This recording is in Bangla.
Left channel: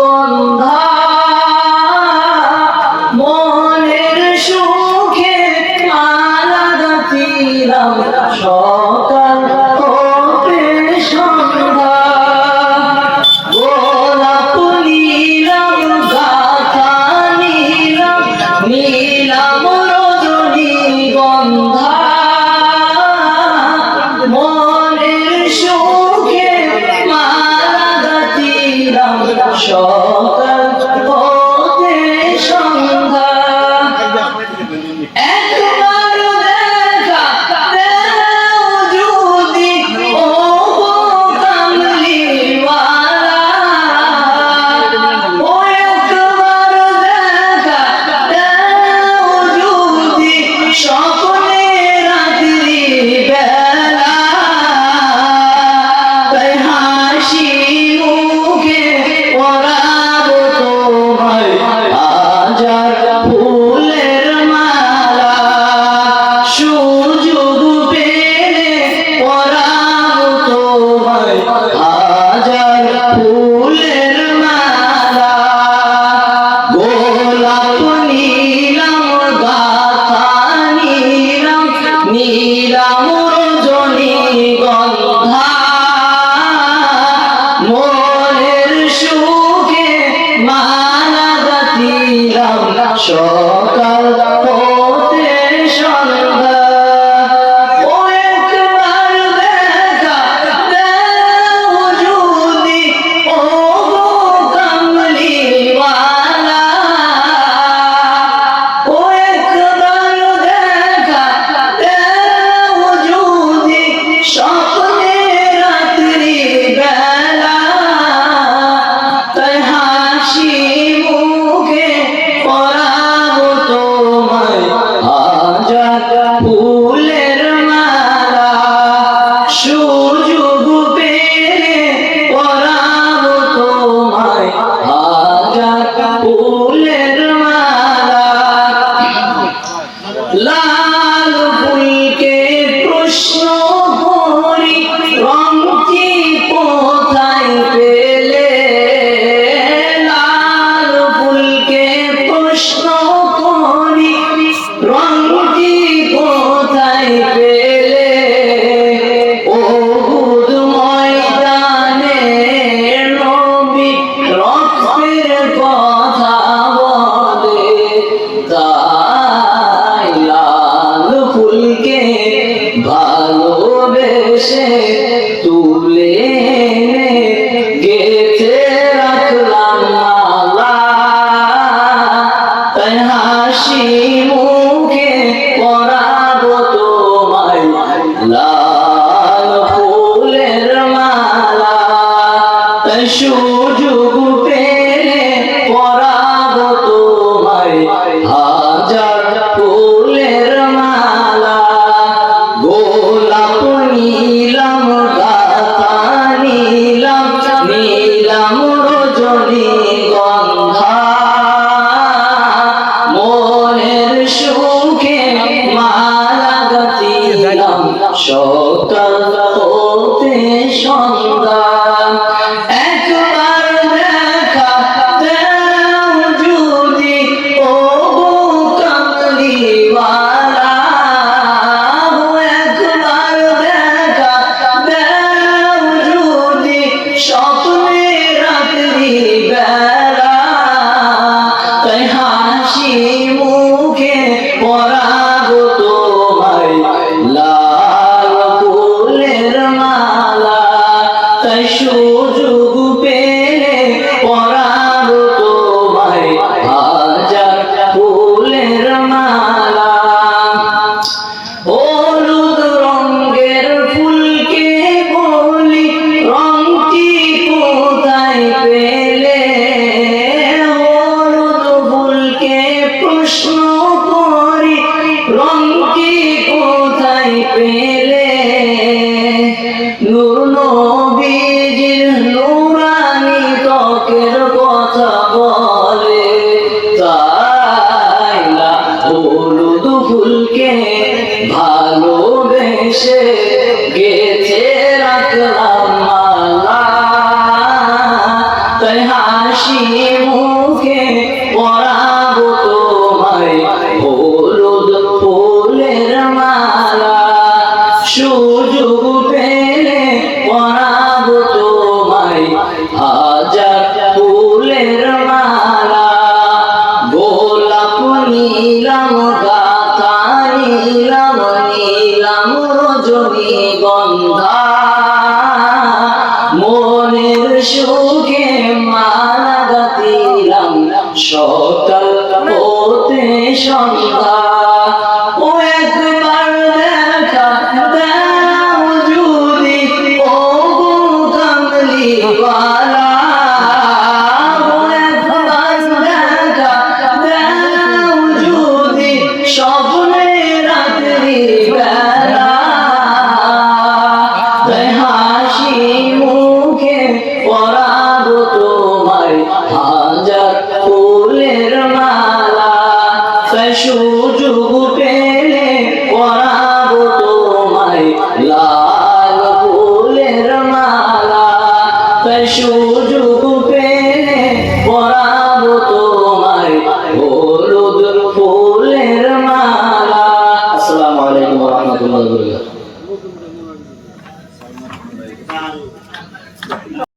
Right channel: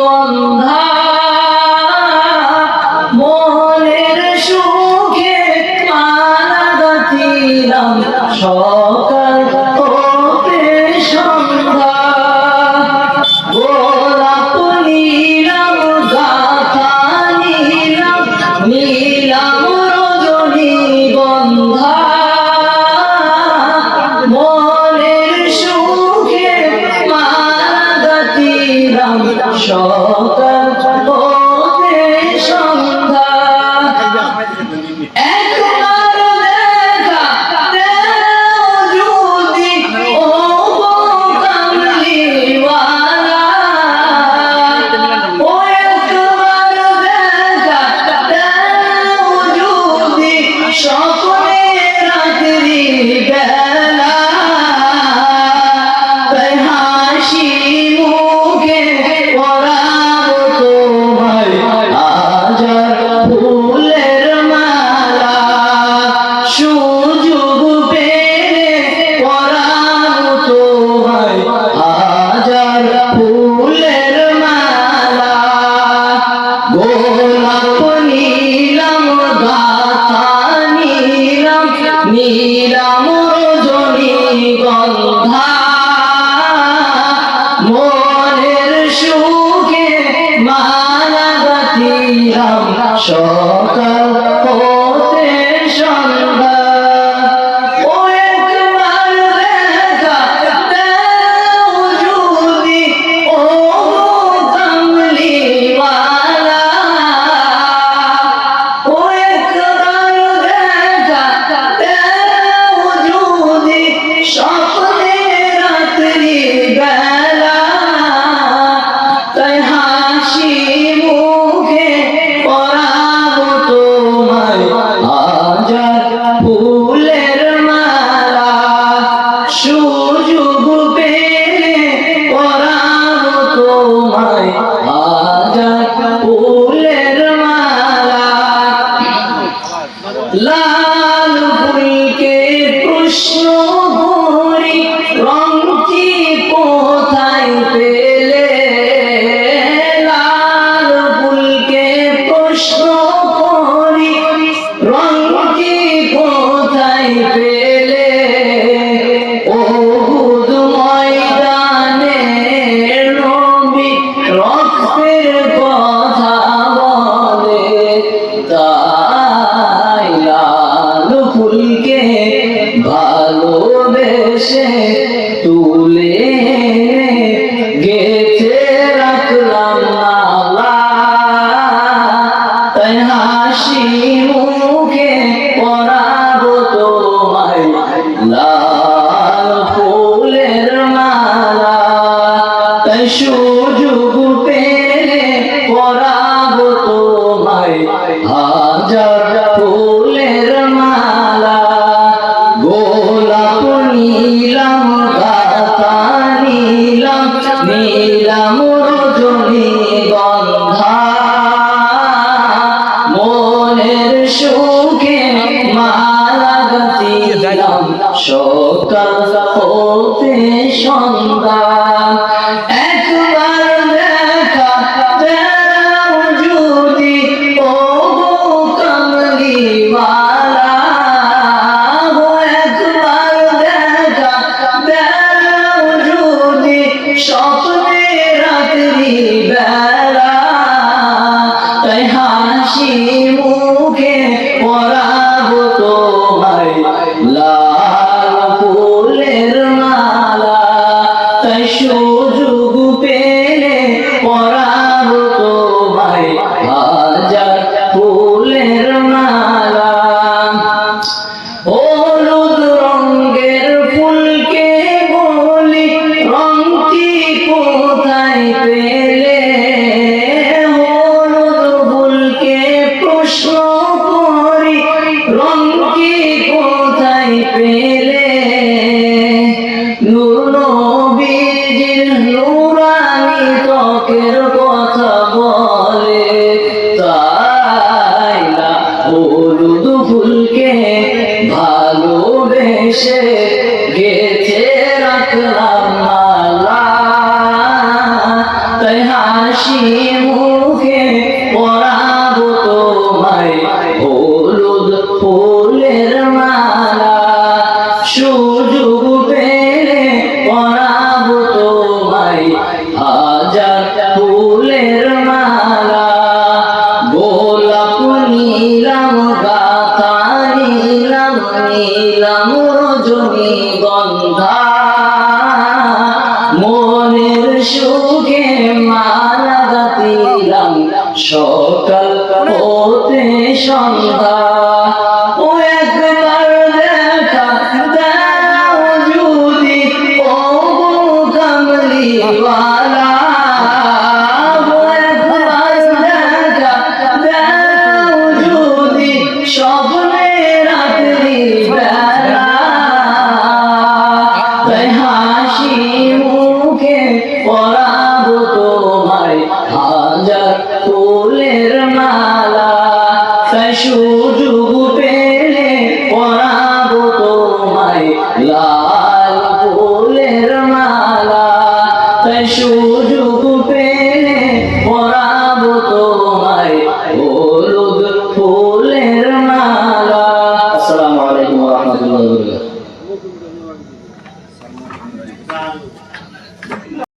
গন্ধা মনের সুখে মালা গাঁথিলাম সকাল হতে সন্ধ্যা গোলাপ নিলাম গাঁথা নিলাম রজনী গন্ধা মনের সুখে মালা গাঁথিলাম সকাল হতে সন্ধ্যা একবার দেখা দেও যদি ও কামলিওয়ালা ও একবার দেখা দেও যদি স্বপ্নে রাত্রি বেলা তাই হাসি মুখে পরাবো তোমায় হাজার ফুলের মালা সুযোগ পেলে পরাবো তোমায় হাজার ফুলের মালা গোলাপ নিলাম গাঁথা নিলাম রজনী গন্ধা মনের সুখে মালা গাঁথিলাম সকাল হতে সন্ধ্যা ও একবার দেখা দেও যদি ও কামলিওয়ালা ও একবার দেখা দেও যদি স্বপ্নে রাত্রি বেলা তাই হাসি মুখে পরাবো তোমায় হাজার ফুলের মালা সুযোগ পেলে পরাবো তোমায় হাজার ফুলের মালা লাল ফুলকে প্রশ্ন করি রংটি কোথায় পেলে লাল ফুলকে প্রশ্ন করি রংটি কোথায় পেলে উহুদ ময়দানে নবী রক্তের কথা বলে তাই লাল ফুলকে ভালোবেসে তুলে গেথে রাখলাম মালা তাই হাসি মুখে পরাবো তোমায় লাল ফুলের মালা তাই সুযোগ পেলে পরাবো তোমায় হাজার ফুলের মালা গোলাপ নিলাম গাঁথা নিলাম রজনী গন্ধা মনের সুখে মালা গাঁথিলাম সকাল হতে সন্ধ্যা একবার দেখা দেও যদি ও কামলিওয়ালা একবার দেখা দেও যদি স্বপ্নে রাত্রি বেলা তাই হাসি মুখে পরাবো তোমায় লাল ফুলের মালা তাই সুযোগ পেলে পরাবো তোমায় হাজার ফুলের মালা হলুদ রঙের ফুলকে বলি রংটি কোথায় পেলে হলুদ ফুলকে প্রশ্ন করি রংটি কোথায় পেলে নূর নবীজির নূরানি ত্বকের কথা বলে তাই না হলুদ ফুলকে ভালোবেসে গেথে রাখলাম মালা তাই হাসি মুখে পরাবো তোমায় হলুদ ফুলের মালা সুযোগ পেলে পরাবো তোমায় হাজার ফুলের মালা গোলাপ নীলাম গাথা নীলাম নীলাম রজনীগন্ধা মনের সুখে মালা গাঁথিলাম সকাল হতে সন্ধ্যা ও একবার দেখা দাও যদি ও কামলিওয়ালা ও একবার দেখা দাও যদি স্বপ্নে রাত্রি বেলা তাই হাসি মুখে পরাবো তোমায় হাজার ফুলের মালা তাই সুযোগ পেলে পরাবো তোমায় লাল ফুলের মালা তাই সুযোগ